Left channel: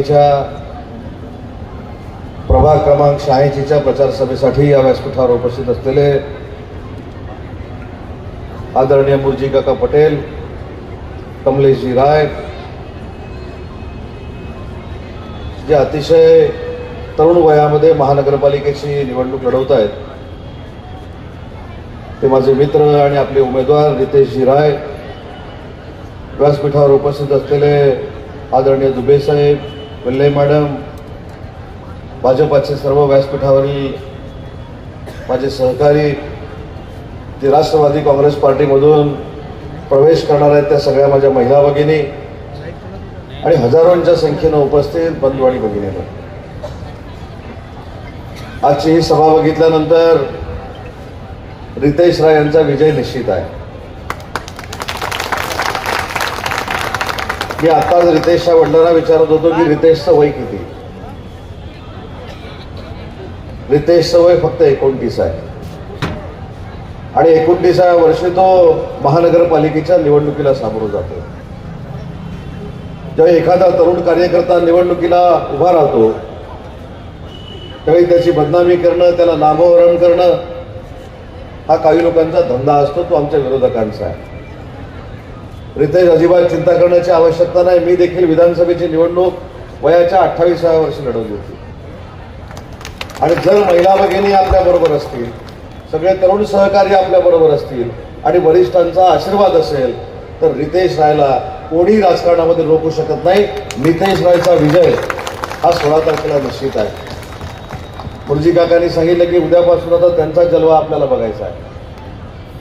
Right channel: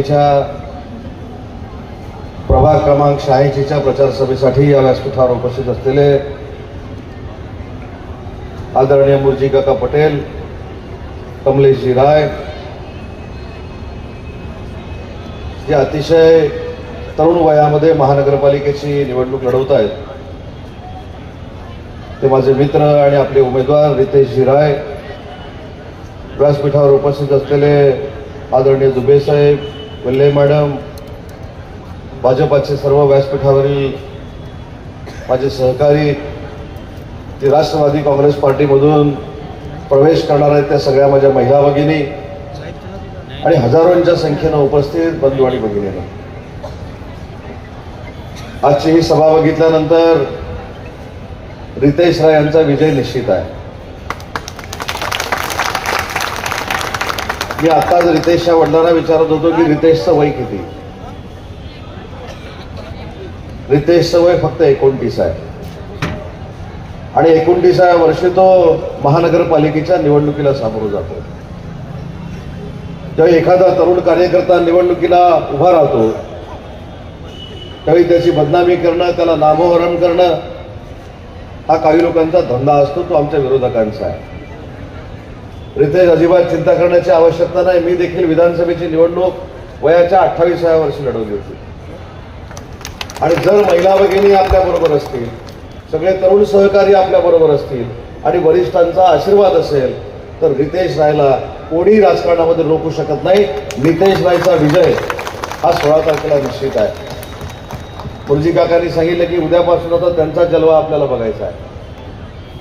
महानगरपालिकेच्या प्रभाग क्रमांक 86च्या प्रचार सभेसाठी या व्यासपीठावर उपस्थित असलेले आदरणीय मुरजी काका पटेल, कमलेशजी राय, जे अतिशय तरुण वयामध्ये महानगरपालिकेची निवडणूक लढवत आहेत, ते माझे मित्र आणि आपले उमेदवार रितेशजी राय, व्यासपीठावर उपस्थित असलेले आदरणीय दुबे साहेब, गल्ले मॅडम, भाजपाचे सर्व व्यासपीठावरील माझे सहकारी, जे राष्ट्रवादी काँग्रेस पार्टीमधून प्रवेश करणार आहेत त्या सगळ्या माझ्या महिला भगिनी आणि हजारोंच्या संख्येनं उपस्थित बंधू आणि भगिनी, आजची ही सभा बघितल्यानंतर रितेश राय यांचा विजय निश्चित आहे. मी आता रितेशच्या वडिलांना विचारत होतो की रितेशचं वय किती. रितेशचं वय फक्त 29 आहे आणि 29व्या वर्षी तो महानगरपालिकेच्या निवडणुकीला सामोरं जातो. जेव्हा एखादा तरुण कार्यकर्ता निवडणुकीला उभा राहतो त्यावेळी त्याची बदनामी करणं, त्याला नामोहरण करणं हा काही लोकांचा धंदा असतो, तो आमच्या विरोधकांचा आहे. रितेश अजिबात चिंता करण्याची आवश्यकता नाही. मी देखील विधानसभेची निवडणूक वयाच्या 28व्या वर्षी लढवली होती आणि जर महिला भगिनी आपल्या बरोबर असतील, सगळे तरुण सहकारी आपल्या बरोबर असतील आणि वरिष्ठांचा आशीर्वाद असेल तर रितेश रायला कोणी राजकारणामध्ये रोखू शकत नाही. रितेश रायचा विजय हा 16 तारखेला निश्चित आहे. मुरजी काकांनी सांगितलं की उद्यापासून आता त्यांचा जलवा आपल्याला बघायचा आहे.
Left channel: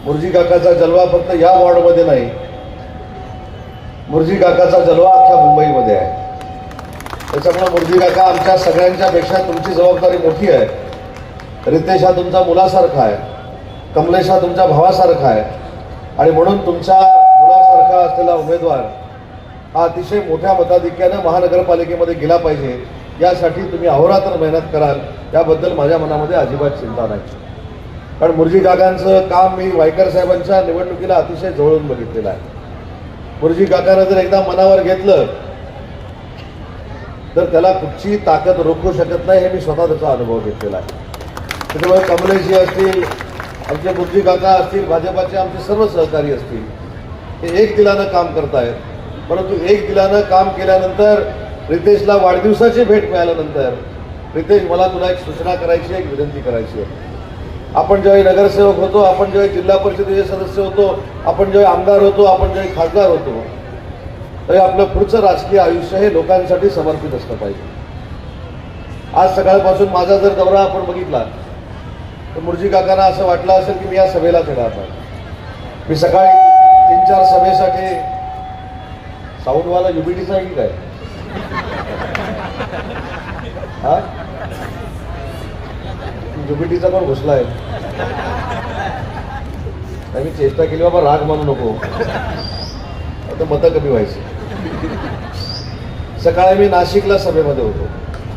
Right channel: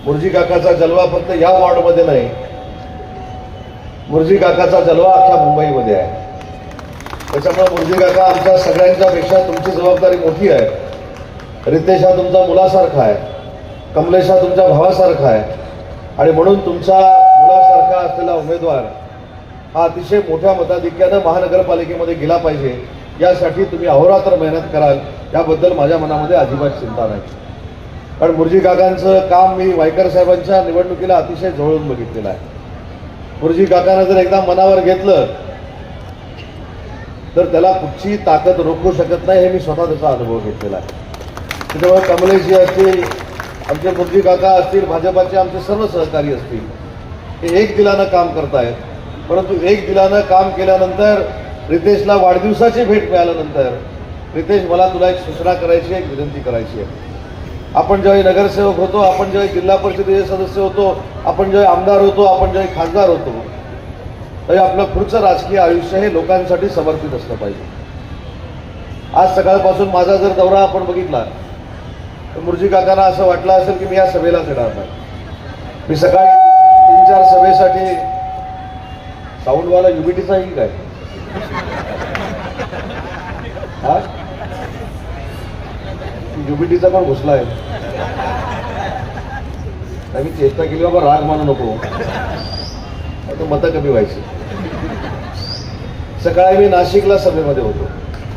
मुरजी काकाचा जलवा फक्त या वॉर्डमध्ये नाही, मुरजी काकाचा जलवा अख्ख्या मुंबईमध्ये आहे. त्याच्यामुळे मुरजी काका आमच्या सगळ्यांच्या पेक्षा तुमची जबाबदारी मोठी आहे. रितेश हा तुमचा मुलासारखा आहे, कमलेश हा तुमच्या भावासारखा आहे आणि म्हणून तुमच्या मुलासारखा असलेला उमेदवार हा अतिशय मोठ्या मताधिक्यानं महानगरपालिकेमध्ये गेला पाहिजे, यासाठी तुम्ही अहोरात्र मेहनत कराल याबद्दल माझ्या मनामध्ये अजिबात चिंता नाही. कारण मुरजी काकांचं काम मी वायकर साहेबांच्या निवडणुकीला अतिशय जवळून बघितलेलं आहे. मुरजी काकांना जर एकदा मनावर घेतलं तर त्याला कुठची ताकद रोखू शकत नाही, हे मी स्वतः त्याचा अनुभव घेतलेला आहे. त्याच्यामुळे कमलेशजी असतील, आमचे मुरजी काका असतील, भाजपाचे आमचे सर्व सहकारी असतील, हे एक दिलानं काम करतायत. परंतु एक दिलानं काम केल्यानंतर रितेशला वाढदिवसाची भेट मिळाल्यानंतर, रितेश मला तुला एक सूचना करायची आहे, एक विनंती करायची आहे. आपण ज्यावेळी नगरसेवक होतो, आपण ज्यावेळी जिल्हा परिषदेचे सदस्य होतो, आपण ज्यावेळी आमदार होतो, आपण ज्यावेळी खासदार होतो, तरी आपलं पुढचं राजकीय आयुष्य हे लोकांसाठी समर्पित असलं पाहिजे. आज सकाळपासून माझा जर दौरा आपण बघितला तर मुरजी काकांना असं वाटलं असेल की मी या सभेला येणार नाही. मी सकाळी 3-4 सभेसाठी साऊंडवाला युबिटीचा की काय हा युबिटीचा पण घुसला आहे. मी चेष्टा केली, बाबा राग मानू नको, आता मतं कमी व्हायची. सकाळी मी नाशिकला सभेमध्ये होतो,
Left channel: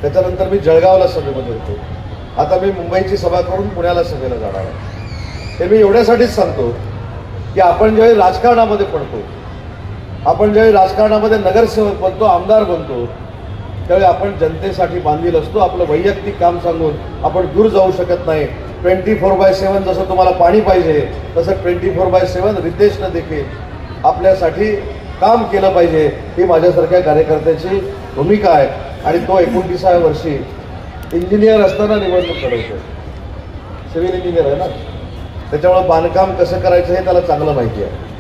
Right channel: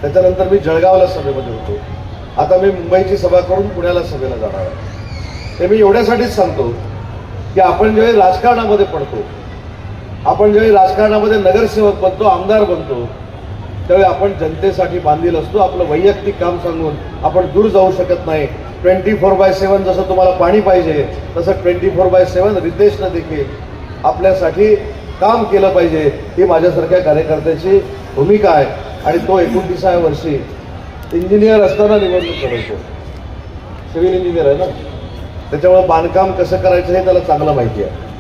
त्याच्यानंतर मी जळगावला सभेमध्ये होतो, आता मी मुंबईची सभा करून पुण्याला सभेला जाणार आहे. हे मी एवढ्यासाठीच सांगतो की आपण ज्यावेळी राजकारणामध्ये पडतो, आपण ज्यावेळी राजकारणामध्ये नगरसेवक बनतो, आमदार बनतो, त्यावेळी आपण जनतेसाठी बांधील असतो. आपलं वैयक्तिक काम सांगून आपण दूर जाऊ शकत नाही. 24/7 जसं तुम्हाला पाणी पाहिजे तसं 24/7 रितेशनं देखील आपल्यासाठी काम केलं पाहिजे, ही माझ्यासारख्या कार्यकर्त्याची भूमिका आहे. आणि तो 29व्या वर्षी इंजिनियर असताना निवडणूक लढवतो, सिव्हिल इंजिनियर आहे ना, त्याच्यामुळे बांधकाम कसं करायचं हे त्याला चांगलं माहिती आहे.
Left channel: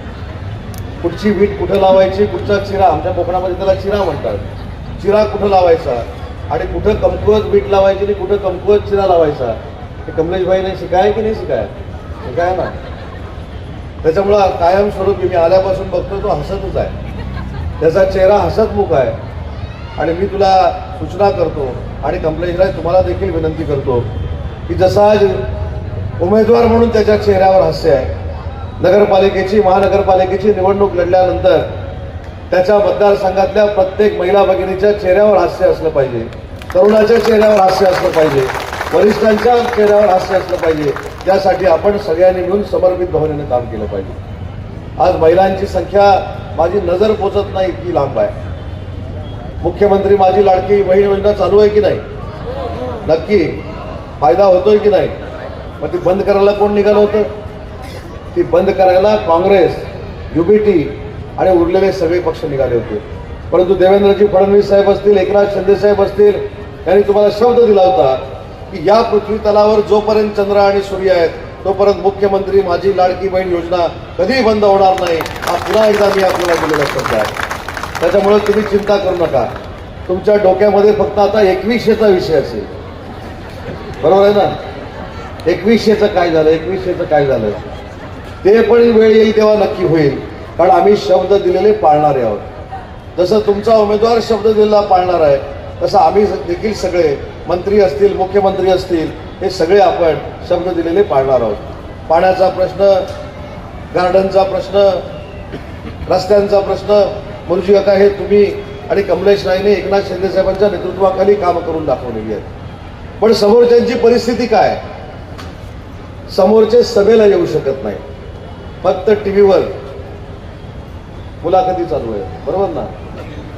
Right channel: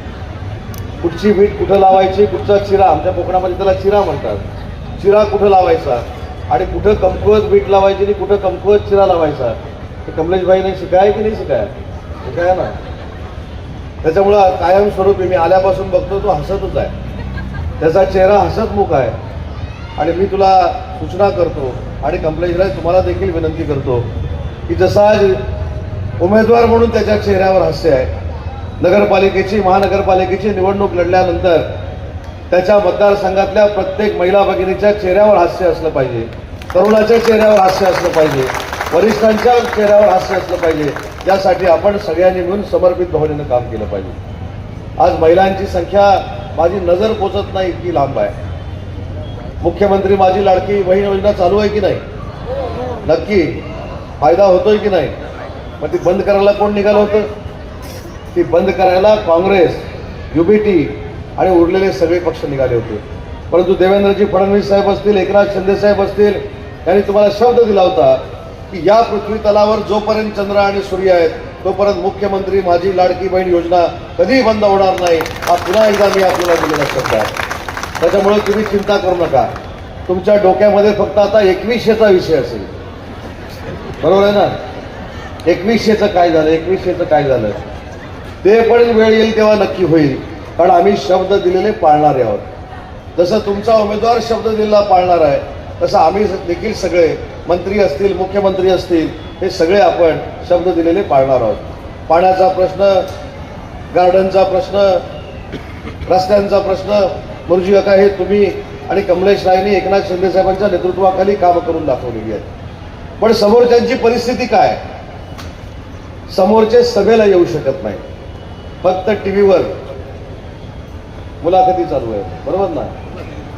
कुठची वीट कुठं लावायची, कुठचा चिरा, आमच्या कोकणामध्ये त्याला चिरा म्हणतात, चिरा कुठं लावायचा आणि कुठं कमकुवत वीट लावायची आणि कुठं कमकुवत चिरा लावायचा, हे कमलेशभाईने शिकाय की नाही शिकाय, शिकाय ना. त्याच्यामुळं कायमस्वरूपी मी आल्यापासून बघतो तो हसतच आहे, त्याचा चेहरा हसतमुख आहे. आणि मी तुला सूचना करतो आणि कमलेशराय तुम्हाला देखील विनंती करतो की जसा उमेदवार म्हणून त्याच्या चेहऱ्यावर हास्य आहे, नगरपालिकेची महानगरपालिकेची निवडणूक लढल्यानंतर त्याच्या मतदारसंघातल्या प्रत्येक महिला भगिनीच्या चेहऱ्यावर हास्य असलं पाहिजे, तरुणाच्या चेहऱ्यावर हास्य असलं पाहिजे, वरिष्ठांच्या चेहऱ्यावर हास्य असलं पाहिजे. त्यासाठी आपण सगळ्यांनी मिळून समर्पित भावनेनं काम केलं पाहिजे. आज महिलांची संख्या माझी नजर पोचत नाही इतकी लांब आहे. मुख्यमंत्री माझी लाडकी बहीण योजना चालू आहे की नाही? नक्की फायदा होतोय की नाही? मग ती बंद करायला कोण निघालं होतं? ती बंद करायला काँग्रेस, युबीटी आणि उरलेले सगळे पक्ष निघाले होते. परंतु देवेंद्रजी फडणवीस साहेब असतील, एकनाथ शिंदे साहेब असतील, यांनी तुम्हाला शब्द दिला होता की या पृथ्वी तलावर जोपर्यंत चंद्र आणि सूर्य आहेत तोपर्यंत मुख्यमंत्री माझी लाडकी बहीण योजना कधीही बंद होणार नाही. हा पुन्हा एकदा मी आपल्याला दिलेला शब्द आहे. त्याच्यामुळे तुम्ही चिंता करू नका. तुमच्या डोक्यामध्ये फक्त आता 2100चा विषय असेल, बरोबर आहे ना? 2100चं काय झालं, 2100चं काय झालं ते पण वेळ येईल तेव्हा नक्की होईल. कारण आम्ही शब्द दिलेले पाळणारे आहोत. जसं तुमचा उमेदवार शब्द दिलेला पाळणार आहे तसं आम्ही देखील सगळे मंत्री असतील, मुख्यमंत्री असतील, हे सगळे आपण शब्द दिलेले पाळणार आहोत. पाण्याचा प्रश्न, गार्डनचा प्रश्न, रस्त्यांचा प्रश्न, मुर्जी काका, हे तुम्ही आणि कमलेश रायने एकनाथ शिंदे साहेबांच्या नेतृत्वाखाली कामं करून दाखवलेली आहेत. पण समोरच्यांची परिस्थिती काय? समोरचे सभेला येऊ शकत नाही, फक्त टीव्हीवर मुलाखती चालू आहेत, बरोबर ना?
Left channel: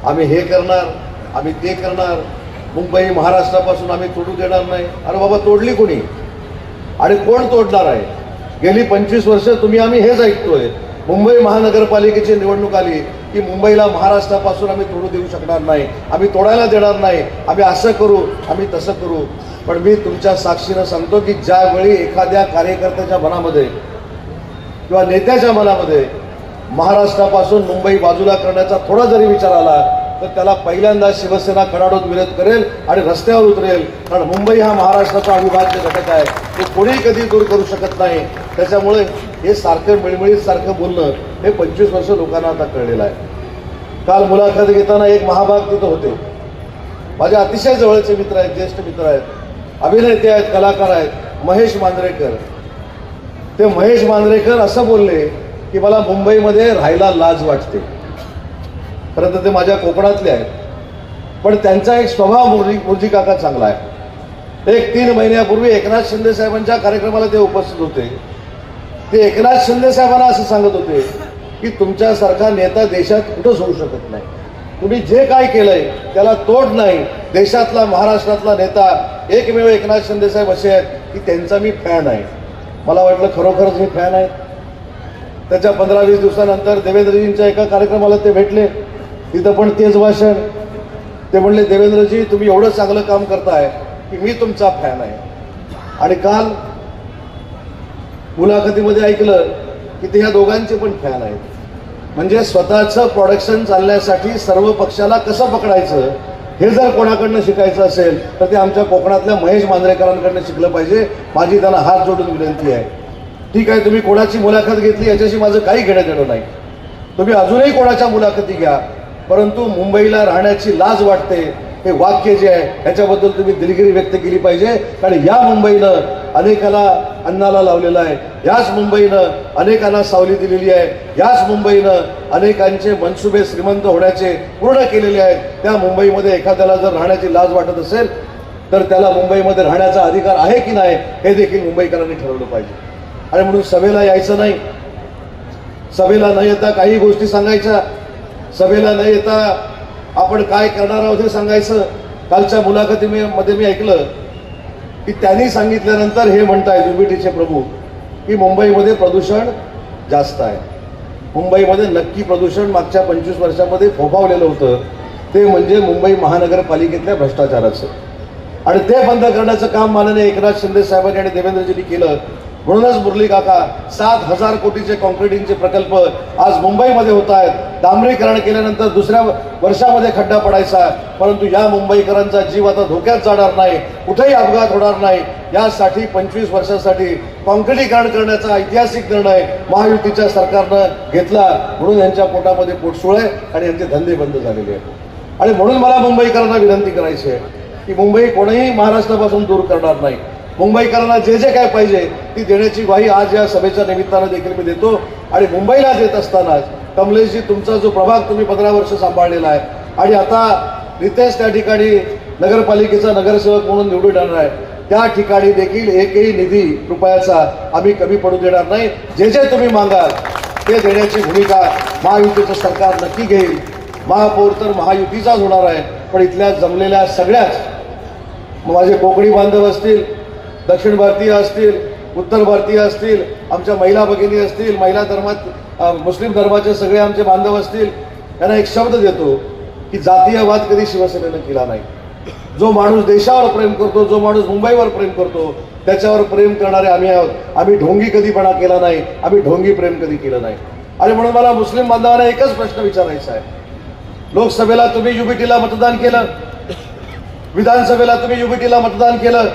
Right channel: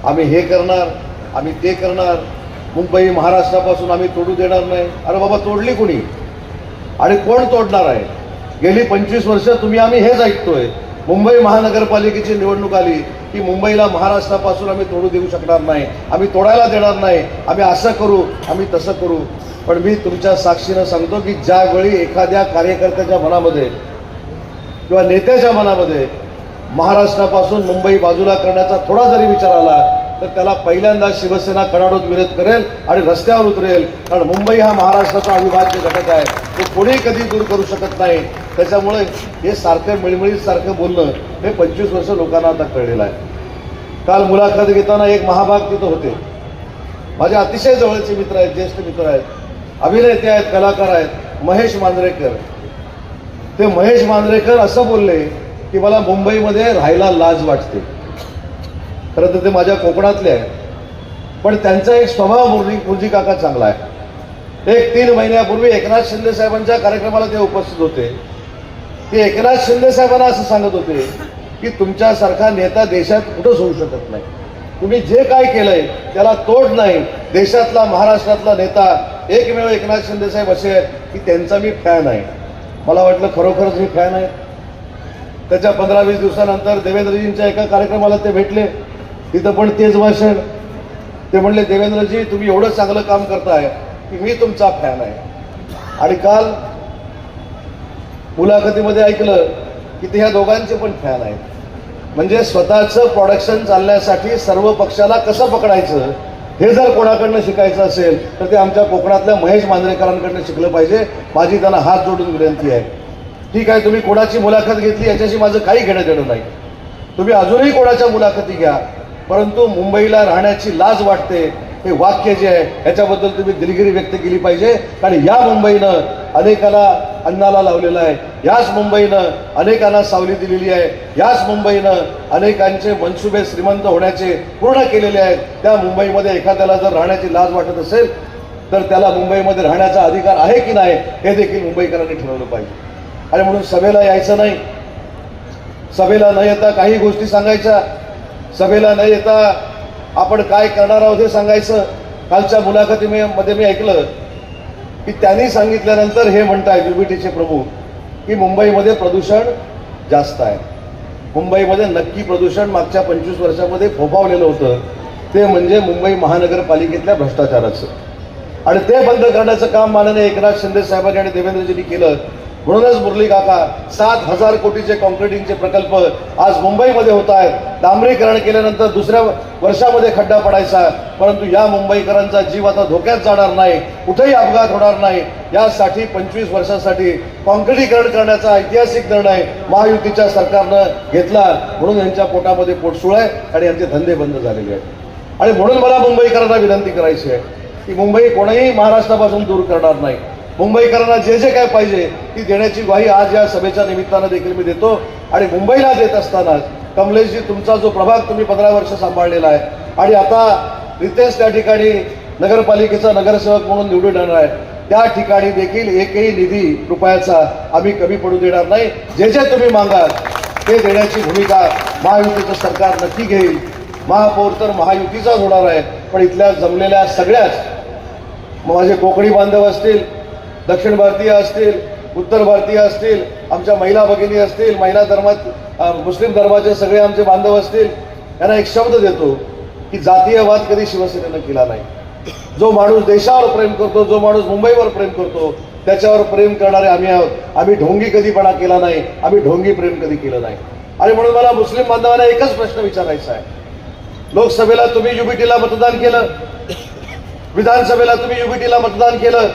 आम्ही हे करणार, आम्ही ते करणार, मुंबई महाराष्ट्रापासून आम्ही तोडू देणार नाही. अरे बाबा, तोडली कुणी आणि कोण तोडणार आहे? गेली 25 वर्ष तुम्ही आम्ही हेच ऐकतोय. मुंबई महानगरपालिकेची निवडणूक आली की मुंबईला महाराष्ट्रापासून आम्ही तोडू देऊ शकणार नाही, आम्ही तोडायला देणार नाही, आम्ही असं करू, आम्ही तसं करू. पण मी तुमच्या साक्षीनं सांगतो की ज्यावेळी एखाद्या कार्यकर्त्याच्या मनामध्ये किंवा नेत्याच्या मनामध्ये महाराष्ट्रापासून मुंबई बाजूला करण्याचा थोडा जरी विचार आला तर त्याला पहिल्यांदा शिवसेना कडाडून विरोध करेल आणि रस्त्यावर उतरेल. कारण मुंबई हा महाराष्ट्राचा अविभाज्य घटक आहे, तो कोणी कधी दूर करू शकत नाही. त्याच्यामुळे हे सारखे मिळमिळीत सारखं बोलणं हे 25 वर्ष लोकांना आता कळलेलं आहे. काल मुलाखत घेताना एक महाभाग तिथं होते, माझे अतिशय जवळचे मित्र आहेत, ज्येष्ठ मित्र आहेत, अभिनेते आहेत, कलाकार आहेत, महेश मांजरेकर. ते महेश मांजरेकर असं बोलले की मला मुंबईमध्ये राहायला लाज वाटते. खरं तर ते माझ्या कोकणातले आहेत, पण त्यांचा एक स्वभाव मुर्जी काका चांगला आहे. एक 3 महिन्यापूर्वी एकनाथ शिंदे साहेबांच्या कार्यक्रमाला ते उपस्थित होते. ते एकनाथ शिंदे साहेबांना असं सांगत होते की तुमच्यासारखा नेता देशात कुठंच होऊ शकत नाही. तुम्ही जे काय केलंय त्याला तोड नाही. देशातला, महाराष्ट्रातला नेता एकमेव एकनाथ शिंदे साहेब असे आहेत की त्यांचा मी फॅन आहे. मला वाटलं खरोखरच मी फॅन आहे. त्याच्या 15-20 दिवसानंतर देवेंद्रजींच्या एका कार्यक्रमाला ते भेटले, तिथं पण तेच भाषण. ते म्हणले, देवेंद्रजी तुम्ही एवढं चांगलं काम करताय की मी तुमचा फॅन आहे. आणि काल मुलाखतीमध्ये ऐकलं की ते ह्या दोघांचे पण फॅन आहेत. म्हणजे स्वतःचं प्रोडक्शन चालण्यासाठी सर्व पक्षाला कसं पकडायचं हे जर कोणाकडनं शिकायचं असेल तर ते आमच्या कोकणातल्या महेश मांजरेकरांकडनं शिकलं पाहिजे. माझी त्यांना हात जोडून विनंती आहे. ठीक आहे, तुम्ही कोणाची मुलाखत घेतली याच्याशी माझं काही घेणं देणं नाही. तुम्ही अजूनही कोणाच्या मुलाखती घ्या, परंतु मुंबईला राहण्याची लाज वाटते हे वाक्य जे आहे ह्याच्याबद्दल तुम्ही दिलगिरी व्यक्त केली पाहिजे. कारण या मुंबईनं अनेकाला अन्नाला लावलेलं आहे, याच मुंबईनं अनेकांना सावली दिलेली आहे, याच मुंबईनं अनेकांचे मनसुबे श्रीमंत होण्याचे पूर्ण केलेले आहेत. त्या मुंबईमध्ये एखाद्याला जर राहण्याची लाज वाटत असेल तर त्याला मुंबईमध्ये राहण्याचा अधिकार आहे की नाही हे देखील मुंबईकरांनी ठरवलं पाहिजे. आणि म्हणून सभेला यायचं नाही, सभेला न येता काही गोष्टी सांगायच्या, सभेला न येता आपण काय करणार आहोत हे सांगायचं. कालच्या मुलाखतीमध्ये मी ऐकलं की त्यांनी सांगितल्यानंतर हे म्हणतायत युबीटीचे प्रमुख की मुंबईमध्ये प्रदूषण जास्त आहे. मुंबईमध्ये नक्की प्रदूषण मागच्या 25 वर्षामध्ये फोफावलेलं होतं, ते म्हणजे मुंबई महानगरपालिकेतल्या भ्रष्टाचाराचं. आणि ते बंद करण्याचं काम माननीय एकनाथ शिंदे साहेबांनी आणि देवेंद्रजींनी केलं. म्हणूनच मुरली काका 7,000 कोटीचे कॉन्क्रिटिंगचे प्रकल्प आज मुंबईमध्ये होत आहेत. डांबरीकरण केल्यानंतर दुसऱ्या वर्षामध्ये खड्डा पडायचा, परंतु या मुंबईकरांचा जीव आता धोक्यात जाणार नाही, कुठेही अपघात होणार नाही यासाठी 25 वर्षांसाठी कॉन्क्रिटीकरण करण्याचा ऐतिहासिक निर्णय महायुतीच्या सरकारनं घेतला. म्हणून यांच्या पोटामध्ये पोटसूळ आहे आणि यांचे धंदे बंद झालेले आहेत. आणि म्हणून मला मुंबईकरांना विनंती करायची आहे की मुंबई कोणीही महाराष्ट्रापासून दूर करणार नाही. मुंबईकरांना जे जे काय पाहिजे ती देण्याची ग्वाही आज या सभेच्या निमित्तानं देखील मी देतो. आणि मुंबईला देत असताना कमलेशजी, तुमचा जो प्रभाग तुम्ही 15 वर्ष सांभाळलेला आहे आणि आता रितेश त्या ठिकाणी नगरपालिकेचा नगरसेवक म्हणून निवडून येणार आहे, त्या ठिकाणी देखील एकही निधी रुपयाचा आम्ही कमी पडू देणार नाही. जे जे तुम्ही मागाल ते देण्याची भूमिका महायुतीचं सरकार नक्की घेईल. महापौर तर महायुतीचाच होणार आहे, पण इथल्या जमलेल्या सगळ्याच माझे कोकणी बांधव असतील, दक्षिण भारतीय असतील, उत्तर भारतीय असतील, आमच्या महिला भगिनी असतील, महिला धर्मात मुस्लिम धर्माचे सगळे आमचे बांधव असतील, यांना एक शब्द देतो की जातीयवाद कधी शिवसेनेनं केला नाही. जो माणूस देशावर प्रेम करतो, जो माणूस मुंबईवर प्रेम करतो, त्याच्यावर प्रेम करणारे आम्ही आहोत. आम्ही ढोंगी कधीपणा केला नाही, आम्ही ढोंगी प्रेम कधी केलं नाही. आणि म्हणून मला मुस्लिम बांधवांना एकच प्रश्न विचारायचा आहे. लोकसभेला तुम्ही युबीटीला मतदान केलं, विधानसभेला तुम्ही युबीटीला मतदान केलं,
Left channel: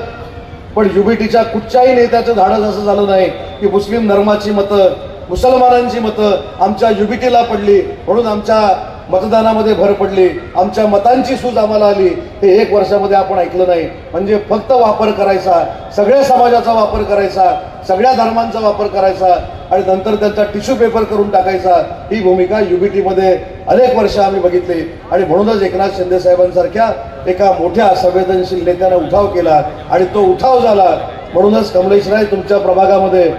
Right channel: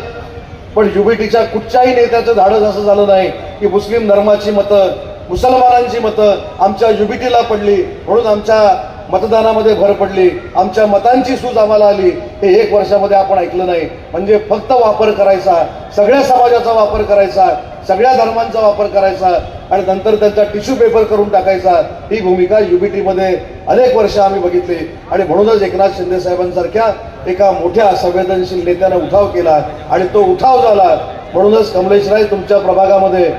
पण युबीटीच्या कुठच्याही नेत्याचं धाडस असं झालं नाही की मुस्लिम धर्माची मतं, मुसलमानांची मतं आमच्या युबीटीला पडली म्हणून आमच्या मतदानामध्ये भर पडली, आमच्या मतांची सूज आम्हाला आली. हे 1 वर्षामध्ये आपण ऐकलं नाही. म्हणजे फक्त वापर करायचा, सगळ्या समाजाचा वापर करायचा, सगळ्या धर्मांचा वापर करायचा आणि नंतर त्यांचा टिश्यू पेपर करून टाकायचा. ही भूमिका युबीटीमध्ये अनेक वर्ष आम्ही बघितली. आणि म्हणूनच एकनाथ शिंदे साहेबांसारख्या एका मोठ्या संवेदनशील नेत्यानं उठाव केला आणि तो उठाव झाला. म्हणूनच कमलेश राय तुमच्या प्रभागामध्ये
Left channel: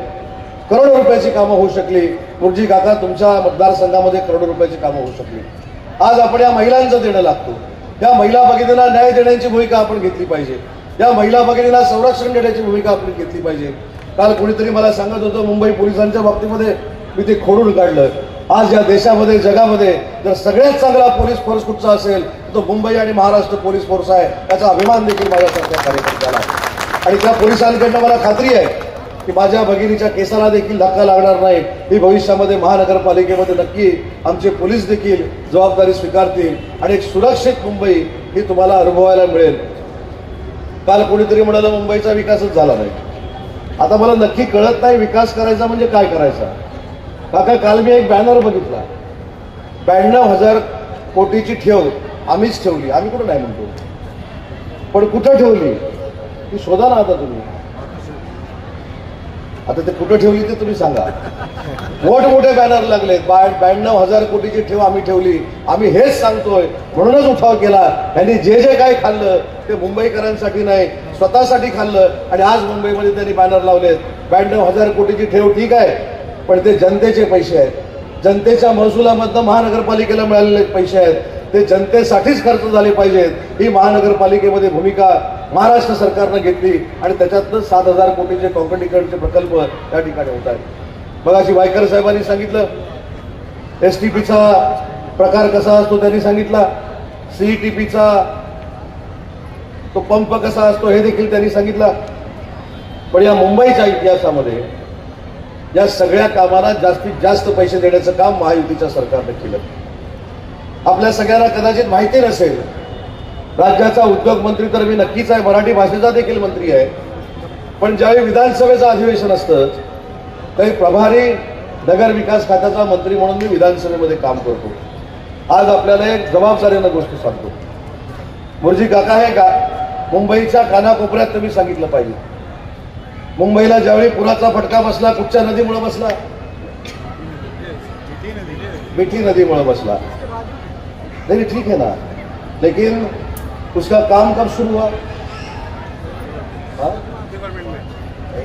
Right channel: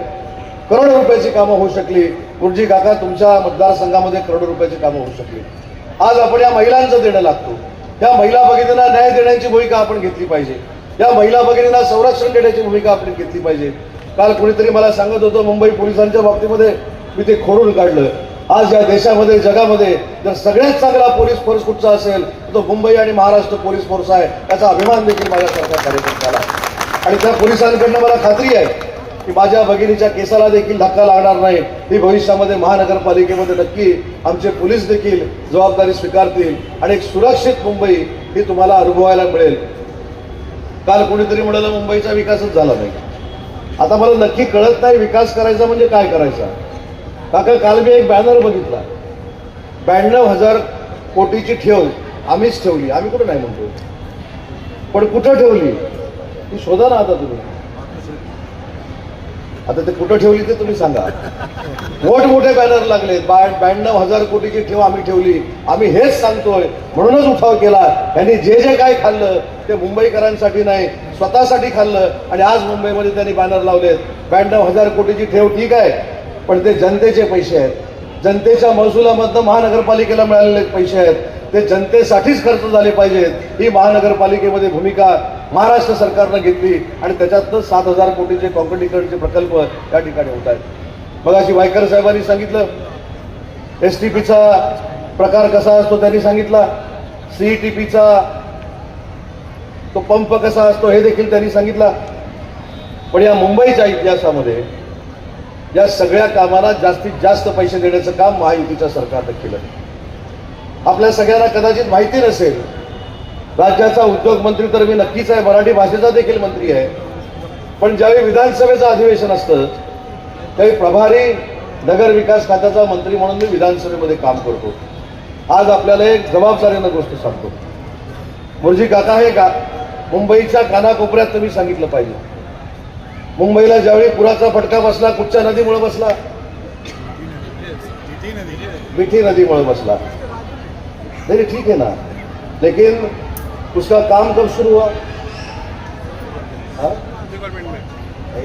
करोडो रुपयाची कामं होऊ शकली. गुरुजी काका तुमच्या मतदारसंघामध्ये करोडो रुपयाची कामं होऊ शकली. आज आपण या महिलांचं देणं लागतो. या महिला भगिनींना न्याय देण्याची भूमिका आपण घेतली पाहिजे. या महिला भगिनींना संरक्षण देण्याची भूमिका आपण घेतली पाहिजे. काल कोणीतरी मला सांगत होतं मुंबई पोलिसांच्या बाबतीमध्ये मी ते खोडून काढलं. आज या देशामध्ये, जगामध्ये जर सगळ्यात चांगला पोलीस फोर्स कुठचा असेल तर तो मुंबई आणि महाराष्ट्र पोलीस फोर्स आहे. त्याचा अभिमान देखील माझ्यासारख्या कार्यकर्त्याला आहे. आणि त्या पोलिसांकडनं मला खात्री आहे की माझ्या भगिनीच्या केसाला देखील धक्का लागणार नाही. ही भविष्यामध्ये महानगरपालिकेमध्ये नक्की आमचे पोलीस देखील जबाबदारी स्वीकारतील आणि एक सुरक्षित मुंबई ही तुम्हाला अनुभवायला मिळेल. काल कोणीतरी म्हणालं मुंबईचा विकासच झाला नाही. आता मला नक्की कळत नाही विकास करायचा म्हणजे काय करायचा. काका काल मी एक बॅनर बघितला, 92,000 कोटीची ठेव आम्हीच ठेवली. आम्ही कुठं नाही म्हणतो, पण कुठं ठेवली ती शोधा ना आता तुम्ही. आता ते कुठं ठेवली ते तुम्ही सांगा. मोठमोठे बॅनर लागले, 92,000 कोटीची ठेव आम्ही ठेवली. आम्ही हेच सांगतोय म्हणूनच उठाव केला. त्यांनी जे जे काय खाल्लं ते मुंबईकरांसाठी नाही, स्वतःसाठी खाल्लं. आणि आज मुंबईमध्ये त्यांनी बॅनर लावलेत. 92,000 कोटीची ठेव ठीक आहे, पण ते जनतेचे पैसे आहेत. जनतेच्या महसुलामधनं महानगरपालिकेला मिळालेले पैसे आहेत. ते जनतेसाठीच खर्च झाले पाहिजेत. ही महानगरपालिकेमध्ये भूमिका महाराष्ट्र सरकारनं घेतली आणि त्याच्यातनं 7,000 कोटीचे काँक्रिटीकरणचे प्रकल्प या ठिकाणी होत आहेत. मगाशी वायकर साहेबांनी सांगितलं एसटीपीचा प्रकार कसा असतो, त्यांनी सांगितला सीईटीपीचा तो पंप कसा असतो हे देखील त्यांनी सांगितला. पण या मुंबईच्या इतिहासामध्ये या सगळ्या कामांना जास्तीत जास्त पैसे देण्याचं काम महायुतीच्या सरकारनं केलं. आपल्या सगळ्यांना कदाचित माहिती नसेल, राज्याचा उद्योग मंत्री तर मी नक्कीच आहे, मराठी भाषेचा देखील मंत्री आहे. पण ज्यावेळी विधानसभेचं अधिवेशन असतं त्यावेळी प्रभारी नगर विकास खात्याचा मंत्री म्हणून मी विधानसभेमध्ये काम करतो. आज आपल्याला एक जबाबदारीनं गोष्ट सांगतो. मुरजी काका आहे का, मुंबईच्या कानाकोपऱ्यात तुम्ही सांगितलं पाहिजे. मुंबईला ज्यावेळी पुराचा फटका बसला कुठच्या नदीमुळे बसला, मिठी नदीमुळे बसला. नहीं ठीक है ना, लेकिन उसका काम कब शुरू हुआ?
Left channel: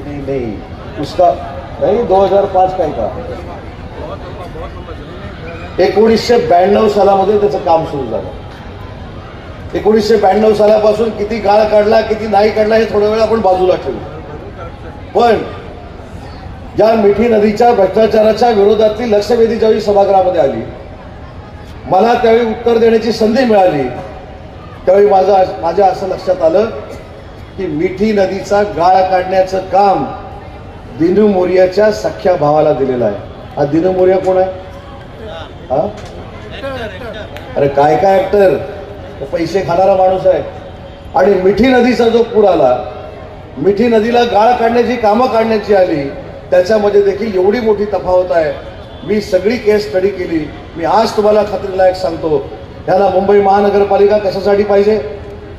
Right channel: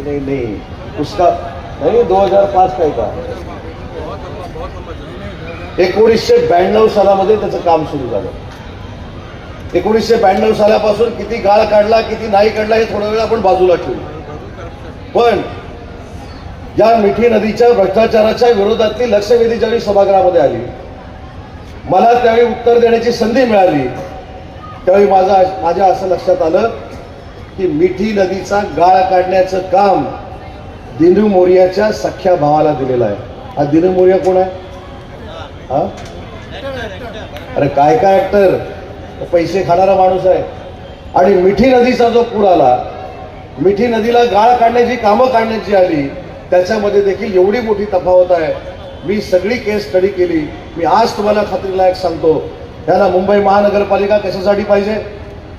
नहीं उसका नहीं 2005 का ही था. 1992 सालामध्ये त्याचं काम सुरू झालं. 1992 सालापासून किती गाळ काढला किती नाही काढला हे थोड्या वेळ आपण बाजूला ठेवू. पण या मिठी नदीच्या भ्रष्टाचाराच्या विरोधातली लक्षवेधी ज्यावेळी सभागृहामध्ये आली, मला त्यावेळी उत्तर देण्याची संधी मिळाली. त्यावेळी माझ्या असं लक्षात आलं की मिठी नदीचा गाळ काढण्याचं काम दिनू मोरियाच्या सख्या भावाला दिलेलं आहे. हा दिनू मोरिया कोण आहे? हा अरे काय काय ऍक्टर, पैसे खाणारा माणूस आहे. आणि मिठी नदीचा जो पूर आला, मिठी नदीला गाळ काढण्याची कामं काढण्याची आली, त्याच्यामध्ये देखील एवढी मोठी तफावत आहे. मी सगळी केस स्टडी केली. मी आज तुम्हाला खात्रीलायक सांगतो, ह्याला मुंबई महानगरपालिका कशासाठी पाहिजे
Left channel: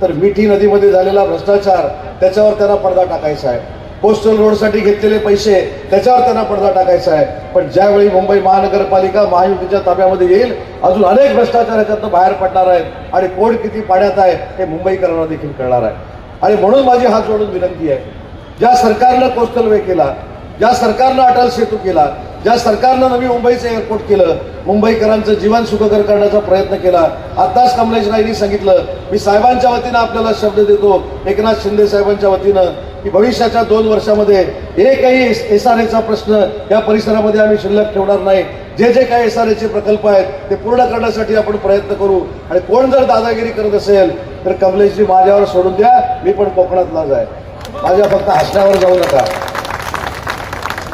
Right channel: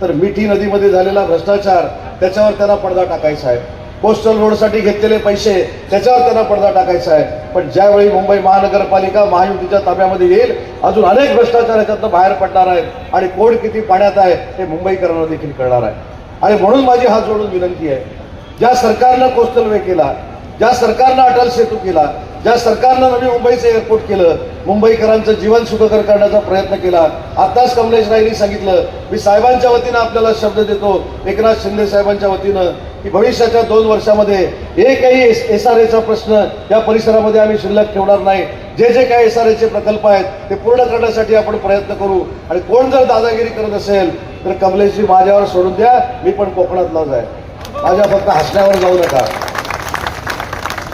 तर मिठी नदीमध्ये झालेला भ्रष्टाचार त्याच्यावर त्यांना पडदा टाकायचा आहे. कोस्टल रोडसाठी घेतलेले पैसे त्याच्यावर त्यांना पडदा टाकायचा आहे. पण ज्यावेळी मुंबई महानगरपालिका महायुतीच्या ताब्यामध्ये येईल, अजून अनेक भ्रष्टाचार याच्यातनं बाहेर पडणार आहेत आणि कोण किती पाण्यात आहे हे मुंबईकरांना देखील कळणार आहे. आणि म्हणून माझी हात जोडून विनंती आहे, ज्या सरकारनं कोस्टल वे केला, ज्या सरकारनं अटल सेतू केला, ज्या सरकारनं नवी मुंबईचं एअरपोर्ट केलं, मुंबईकरांचं जीवन सुखकर करण्याचा प्रयत्न केला. आताच कमलेश रायनी सांगितलं, मी साहेबांच्या वतीनं आपल्याला शब्द देतो, एकनाथ शिंदे साहेबांच्या वतीनं, की भविष्याच्या 2 वर्षामध्ये एकही SRAचा प्रश्न या परिसरामध्ये आम्ही शिल्लक ठेवणार नाही. जे जे काही SRAचे प्रकल्प आहेत ते पूर्ण करण्यासाठी आपण प्रयत्न करू. आणि कोण जर दादागिरी करत असेल तर कमलेशजी माझ्यावर सोडून द्या, मी पण कोकणातलाच आहे. माझ्या फक्त हसण्यावर जाऊ नका.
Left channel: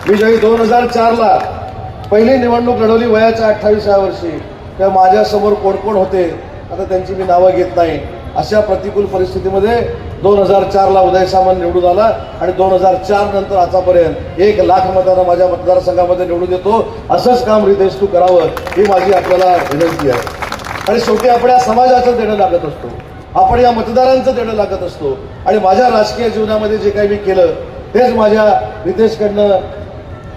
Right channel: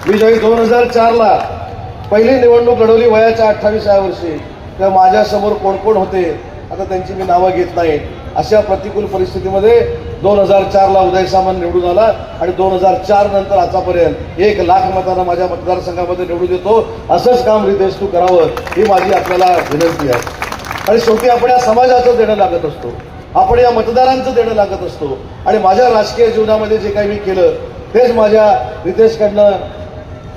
मी ज्यावेळी 2004ला पहिली निवडणूक लढवली वयाच्या 28व्या वर्षी, तर माझ्यासमोर कोण कोण होते आता त्यांची मी नावं घेत नाही. अशा प्रतिकूल परिस्थितीमध्ये 2004ला उदय सामंत निवडून आला आणि 2004 नंतर आतापर्यंत 1 लाख मतांना माझ्या मतदारसंघामध्ये निवडून देतो. असंच काम रितेश तू करावं ही माझी आपल्याला विनंती आहे. आणि शेवटी आपण या समाजाचं देणं लागत असतो, आपण या मतदारांचं देणं लागत असतो. आणि माझ्या राजकीय जीवनामध्ये जे काही मी केलं तेच माझ्या रितेशकडनं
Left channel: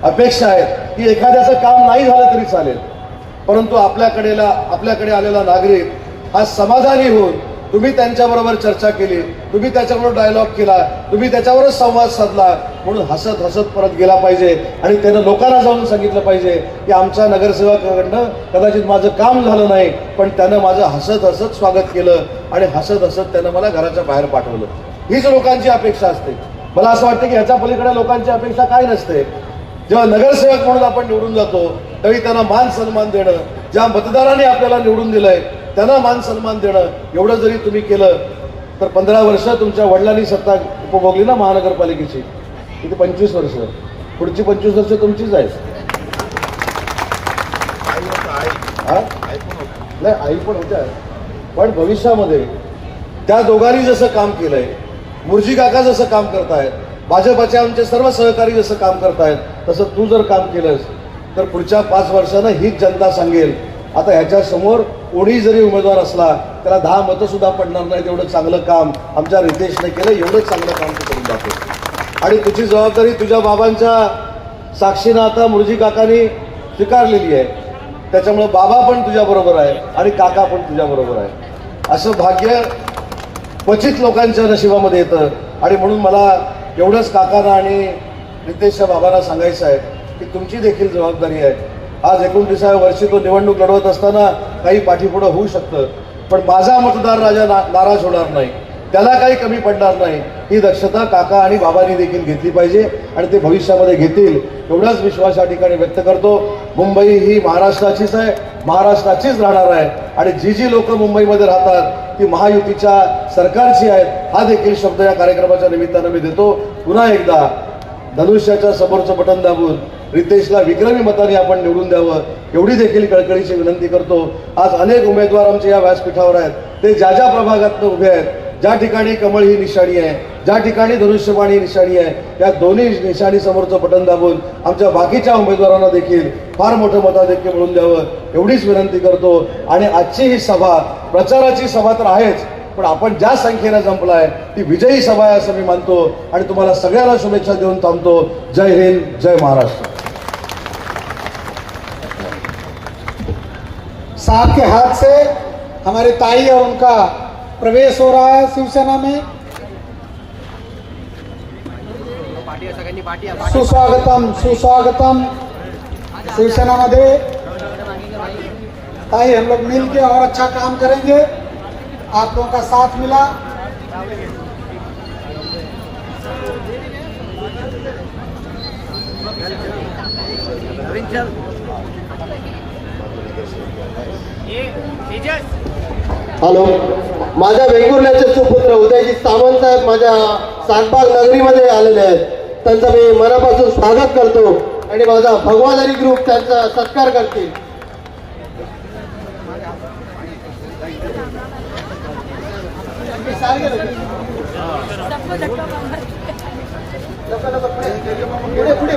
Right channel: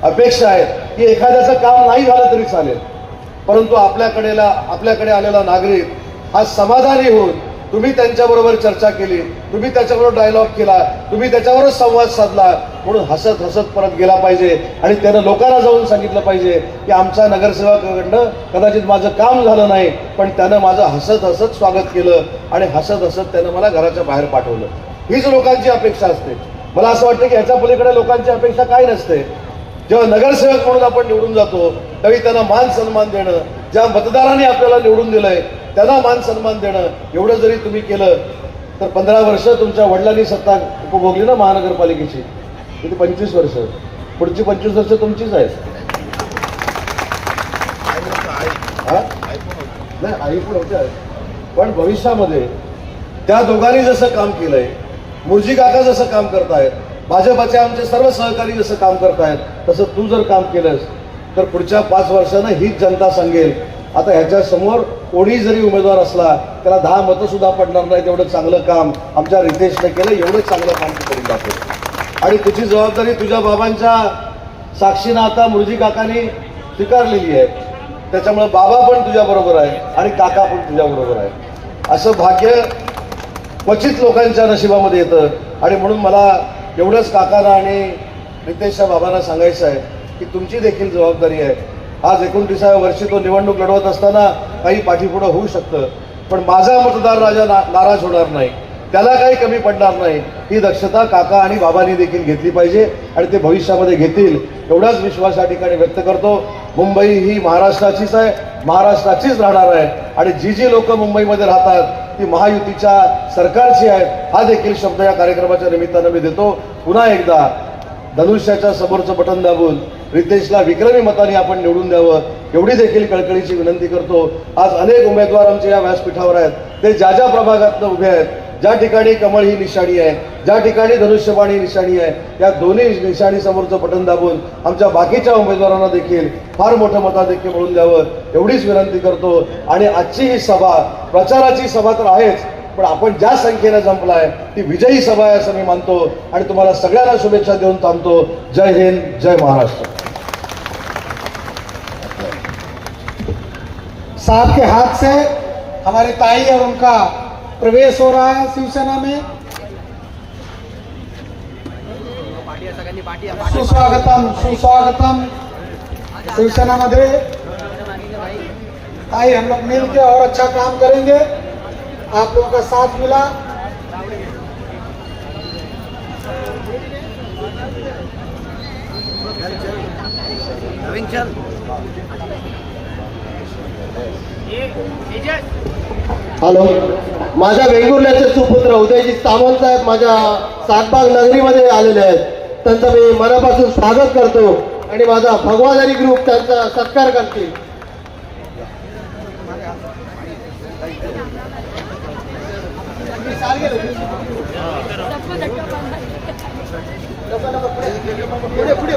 अपेक्षा आहेत की एखाद्याचं काम नाही झालं तरी चालेल, परंतु आपल्याकडे आलेला नागरिक हा समाधानी होऊन तुम्ही त्यांच्याबरोबर चर्चा केली, तुम्ही त्याच्याबरोबर डायलॉग केला, तुम्ही त्याच्यावरच संवाद साधला, म्हणून हसत हसत परत गेला पाहिजे. आणि त्यानं लोकांना जाऊन सांगितलं पाहिजे की आमच्या नगरसेवकाकडनं कदाचित माझं काम झालं नाही, पण त्यानं माझं हसत हसत स्वागत केलं आणि हसत हसत त्यानं मला घराच्या बाहेर पाठवलं. हीच लोकांची अपेक्षा असते. मला असं वाटतं की ह्याच्या पलीकडे लोकांची अपेक्षा काय नसते. जेव्हा नगरसेवक म्हणून आपण निवडून जातो त्यावेळी त्यांना मान सन्मान देणं, ज्या मतदारांनी आपल्याला निवडून दिलंय त्यांना मान सन्मान देणं, एवढं जरी तुम्ही केलं तर 15 वर्ष तुमच्या वडिलांनी सत्ता उपभोगली ना महानगरपालिकेची, तिथे 25 वर्ष, पुढची 25 वर्ष तुमचीच आहेत. नाही, आई पण होत्या, पण भविष्यामध्ये त्या दोघांनी जसं काम केलंय, मुर्जी काका जसं काम करतायत, भाजपचे आमचे सर्व सहकारी जसं काम करतायत, तसं तू जर काम केलंस तर पुढच्या 5 वर्षानं हीच जनता सांगेल. आता ह्याच्या समोर कोणी जरी उमेदवार असला त्याला 10 मतं सुद्धा पडणार नाही, तेवढं चांगलं काम आमच्या रितेशने केलं, एवढं चांगलं काम तू करून दाखव. आणि तुझी जबाबदारी तुझ्या बाबांच्या साक्षीनं आता मुर्जी काकांनी स्वीकारलेली आहे, त्याच्यामुळे बाबा पण तुझ्या बरोबर आहे आणि काका पण तुझ्या बरोबर आहे. असं भाग्य क्वचित लोकांच्या नशिबामध्ये येतं. आणि म्हणून मला एवढंच काकांना आणि रितेशच्या बाबांना सांगायचं आहे की तुमची देखील जबाबदारी आहे. आज 29व्या वर्षी तो निवडणूक लढवत असताना काही पाठीपुढं होऊ शकतं, पण माझा मतदार राजा नाराज होणार नाही, त्याला काही कमी पडणार नाही, ही दक्षता काका आणि बाबांनी देखील घेतली पाहिजे आणि ते भविष्यामध्ये घेतील एवढाच विश्वास या ठिकाणी व्यक्त करतो. मुंबई ही महाराष्ट्राचीच आहे, महाराष्ट्राचीच राहणार आहे आणि जी जी लोक मुंबईमध्ये राहतात ती महायुतीच्या सरकारची आहेत, हा देखील शब्द या कार्यक्रमाच्या निमित्तानं मी देतो. पुन्हा एकदा धनुष्याच्या समोरचं बटन दाबून रितेशला विक्रमी मताने आपण निवडून द्यावं एवढी देखील कळकळीची विनंती करतो. आज अनेक उमेदवार आमच्या या व्यासपीठावर आहेत, ते ज्या ज्या प्रभागातनं उभे आहेत, ज्या ठिकाणी कमळ ही निशाणी आहे, ज्या ठिकाणी धनुष्यबाण ही निशाणी आहे, या दोन्ही निशाणी समोरचं बटन दाबून आमच्या बाकीच्या उमेदवारांना देखील फार मोठं मताधिक्य मिळवून द्यावं एवढीच विनंती करतो. आणि आजची ही सभा प्रचाराची सभा तर आहेच, पण आपण ज्या संख्येनं जमलाय ती विजयी सभा आहे असं मी मानतो आणि तुम्हाला सगळ्यांना शुभेच्छा देऊन थांबतो. जय हिंद, जय महाराष्ट्र. साहब के हाथ से हमारी ताई और उनका प्रवेश हो रहा है शिवसेना में. सुस्वागतम सुस्वागतम शिवसेना मध्ये. ताई हम लोग मिलकर और अच्छा काम करेंगे, आप लोगों का साथ मिला. हॅलो, माझ्या वेंगुर्ल्याचे सुपुत्र उदयजी सावंत साहेब माझ्या सातबाग नगरीमध्ये आलेले आहेत, त्यांचं मी मनापासून स्वागत करतो आणि माझा भगवानरी ग्रुप त्यांचा सत्कार करतील. पुढे